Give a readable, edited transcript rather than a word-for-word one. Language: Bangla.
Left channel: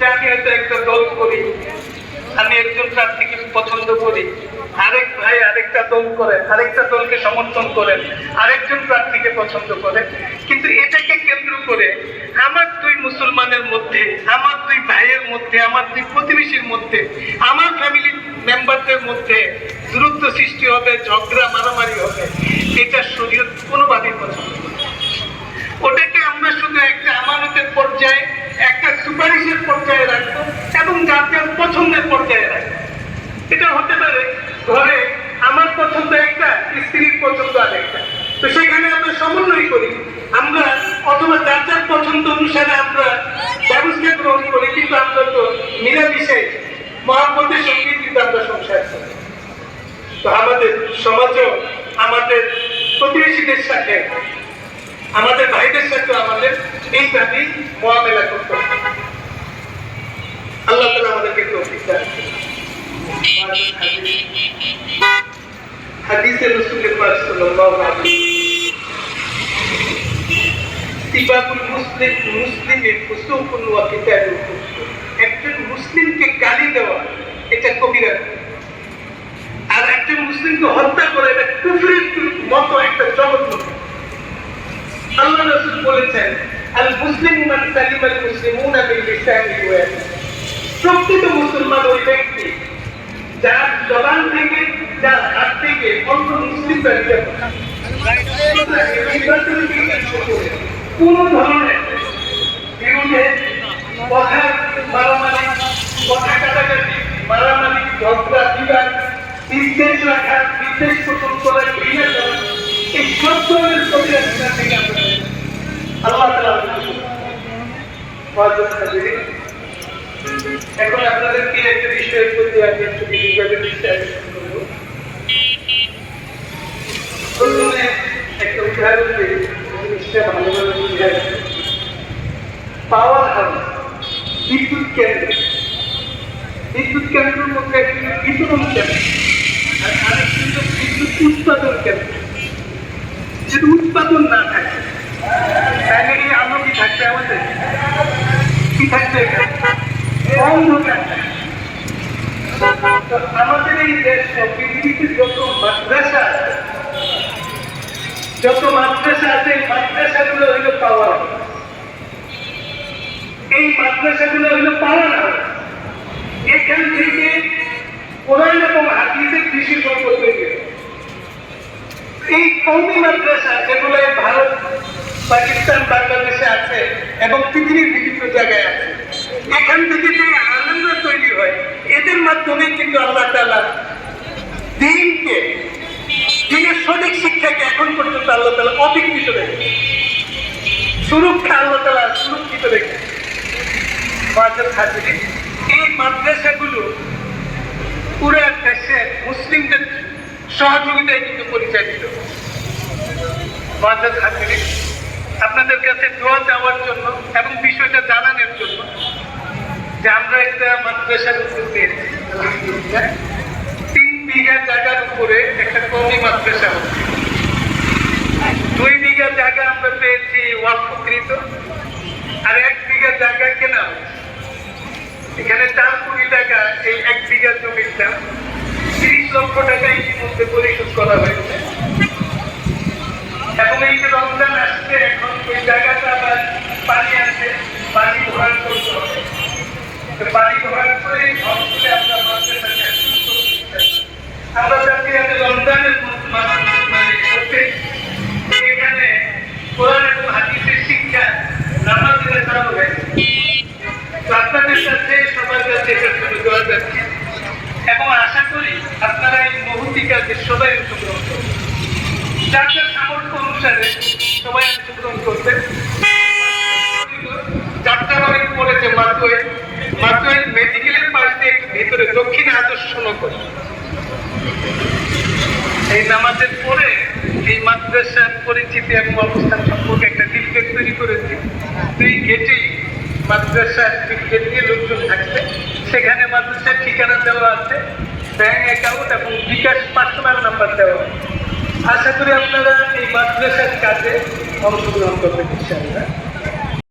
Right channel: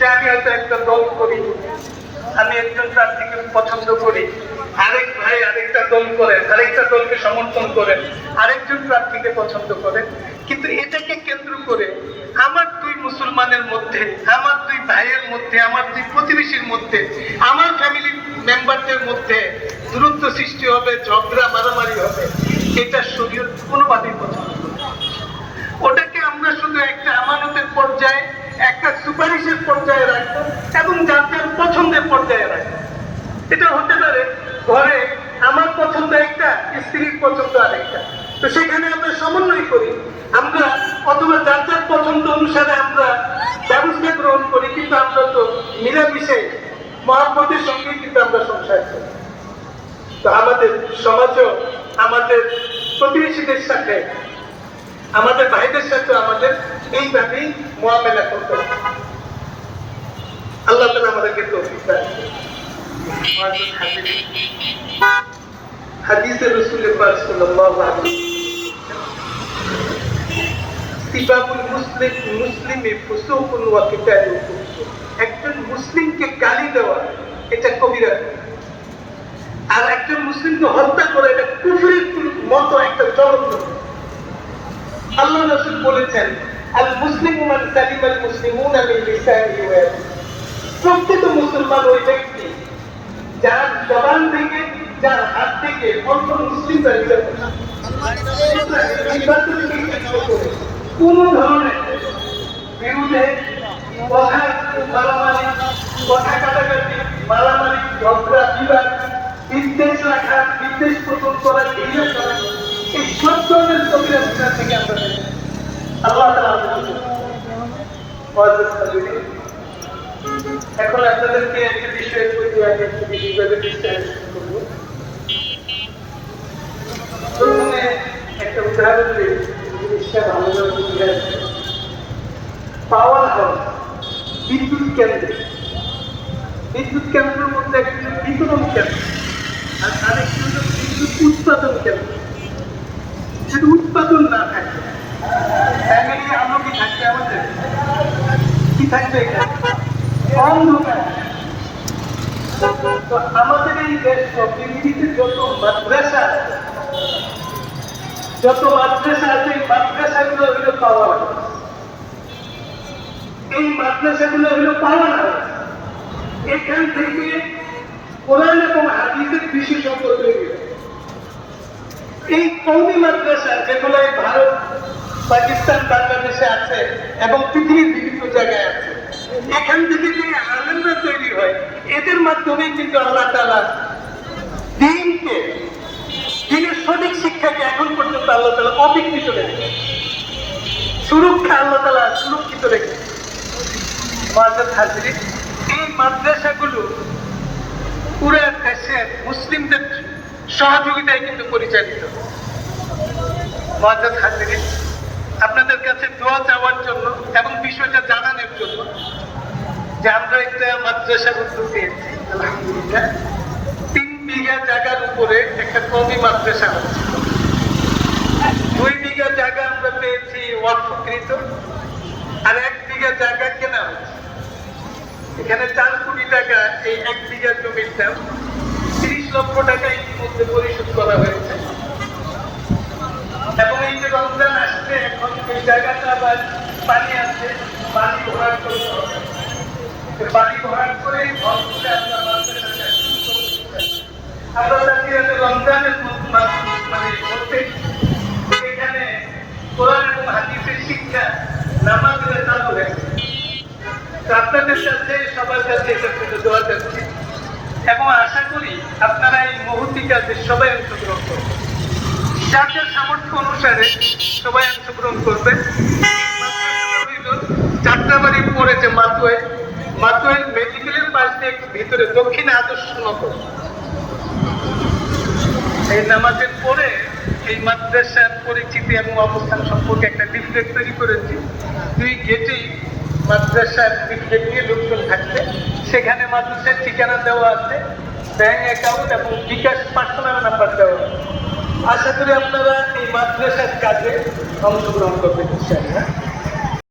যে আমি হয়তো একটা দল করি, আমি একজন প্রার্থীকে পছন্দ করি, আরেক ভাই আরেকটা দল করেন, আরেকটা দলকে সমর্থন করেন, আরেকজন প্রার্থীকে পছন্দ করেন, কিন্তু এটাকে কেন্দ্র করে আমার দুই মুসলমানের মধ্যে, আমার দুই ভাইয়ের মধ্যে, আমার দুই প্রতিবেশীর মধ্যে, আমার ফ্যামিলি মেম্বারদের মধ্যে দূরত্ব সৃষ্টি হবে, ঝগড়া মারামারি হবে, এটা শরীয়ত কোনোভাবেই পছন্দ করে না। ওটাকে আমরা শুধু একটা আমানতের পর্যায়ে, একটা সুপারিশের পর্যায়ে রাখবো এবং যাদের পছন্দের পর্যায়ে রাখবো। এটা হতে পারে ঘরে আমার পছন্দ একটা, স্ত্রীর পছন্দ আরেকটা, তো সেখানে আমরা সমন্বয় করি, আমরা অথবা যার যার পছন্দ অনুসারে আমরা ব্যবস্থা গ্রহণ করি, কিন্তু আমরা তো মিলামিশে মহব্বতের সঙ্গে কিন্তু আমরা সংসার করি। তো আমাদের সমাজেও আমাদের প্রতিবেশীদের সাথে, আমাদের ভাইদের সাথে আমাদের এইভাবেই মোয়ামেলা করতে হবে। আল্লাহ তাআলা আমাদেরকে তৌফিক দান করুন। হাদিসে রাসূল পাক সাল্লাল্লাহু আলাইহি সিবাবুল মুসলিমি ফুসুকুন ওয়া কিতালুল কুফর, একজন মুসলিমকে গালি দেওয়া এটা কবিরা, আর একজন মুসলিমকে হত্যা করে এটা কুফরের মতো একটা জঘন্য। আল্লাহ রাসূল বলেছেন, আল মুসলিমু মান সালিমাল মুসলিমুনা মিন লিসানিহি ওয়া ইয়াদিহি, প্রকৃত মুসলমান ওই ব্যক্তি যার জবান থেকে, যার হাত থেকে অন্য মুসলিমরা কোন ধরনের বিরুদ্ধে কথা কাটাকাটি, মারামারি, ঝগড়া, বিবাদ, বিদ্বেষ রাখা, বিদ্বেষ পোষণ করা, ঘৃণা করা, এই সব ধরনের কবিরা গুনাহ থেকে আমরা আল্লাহ তাআলা এখন আপনাদেরকে একটা বিষয়ের প্রতি আমি একটু বিশেষভাবে দৃষ্টি আকর্ষণ করব। প্রথমে একটা উদাহরণ দিই, জিনিসটা ভালোভাবে বুঝে আসবে। পাওয়ার হাউস, বিদ্যুৎ কেন্দ্র, বিদ্যুৎ কেন্দ্রের মধ্যে একটি বিতরণ কেন্দ্র আর আরেকটি হল বিদ্যুৎ উৎপাদন কেন্দ্র। যদি উৎপাদন না থাকে ফ্যামিলি আলো কি থাকবে, আমাদের কি থাকবে এখানে? অন্ধকার। তো আমাদের এই দেশ পৃথিবীতে যত মাদ্রাসা আছে, এই মাদ্রাসাগুলো হইল পাওয়ার হাউস। এই মাদ্রাসাগুলো হইল পাওয়ার হাউস। এখান থেকে কোরআন এবং হাদিসের বিশেষজ্ঞ তৈরি হয়। এই কওমি মাদ্রাসা যেগুলো ভারত, পাকিস্তান, বাংলাদেশে আছে এবং পৃথিবীর বিভিন্ন জায়গায় আছে, এখান থেকে যে আলেমরা তৈরি হয়, এদের মাধ্যমে কিন্তু আল্লাহ তাআলা দ্বীনকে, দ্বীনের সঠিক শিক্ষাকে এখন পর্যন্ত আল্লাহ তাআলা অবিকৃত রেখেছে, সুরক্ষা আল্লাহ তাআলা সুরক্ষিত রেখেছে। এই মাদ্রাসাগুলো পুরো দেশে মুসলিমদের সহযোগিতায় কিন্তু পরিচালিত। আপনাদের কাছে দোয়া চাওয়ার জন্য এবং বিষয়টা জানানোর জন্য যে আমরা একটা মাদ্রাসার উদ্যোগ পেয়েছি। 3 বিঘা জায়গার উপরে একটা কওমি মাদ্রাসা হচ্ছে। 2 বিঘা জায়গা আমরা পেয়েছি ওয়াকফকৃত, আর 1 বিঘা জায়গা কেনা হচ্ছে। এখানে 4 কোটি টাকা এই 1 বিঘা জমির দাম, 30 লক্ষ টাকা ইতিমধ্যে পরিশোধ করা হয়েছে। এবং এই যে রমজান আসছে, এখন ওই জায়গাটা আবার পানি আছে, পানি ভরাট করতে হবে। পানি ভরাট করে ভরপুরে আমরা মাদ্রাসাকে রমজানের মধ্যে এখানে কোরআন এবং হাদিসের শিক্ষা নামাজের চালু হয়েছে। আপনাদের সাথে সবার কাছে এটার জন্য দোয়া যাচ্ছি এবং আশা করি আপনারা এই মহতি কাজে সবাই অংশগ্রহণ করবেন। যার সামর্থ্য অনুসারে সবাই অংশগ্রহণ করবে। যাত্রাবাড়ির পরে যে মাতুয়াইল মেডিকেলের পাশে একটু ভিতরে দক্ষিণে আদর্শ নগর, এই নামাজের পরে এই মাদ্রাসার পরিচিতি এবং অবস্থান সম্পর্কে একটা লিফলেট তৈরি করেছি। 2 গেটেই মাদ্রাসার লিফলেট দিয়ে লোকজন থাকবে। সেখানে মাদ্রাসার ঠিকানা দেওয়া আছে, ব্যাংক অ্যাকাউন্ট এবং বিকাশ পার্সোনাল নাম্বার দেওয়া আছে। আশা করি আপনারা এই মাদ্রাসার কাজে অংশগ্রহণ করবেন ইনশাআল্লাহ।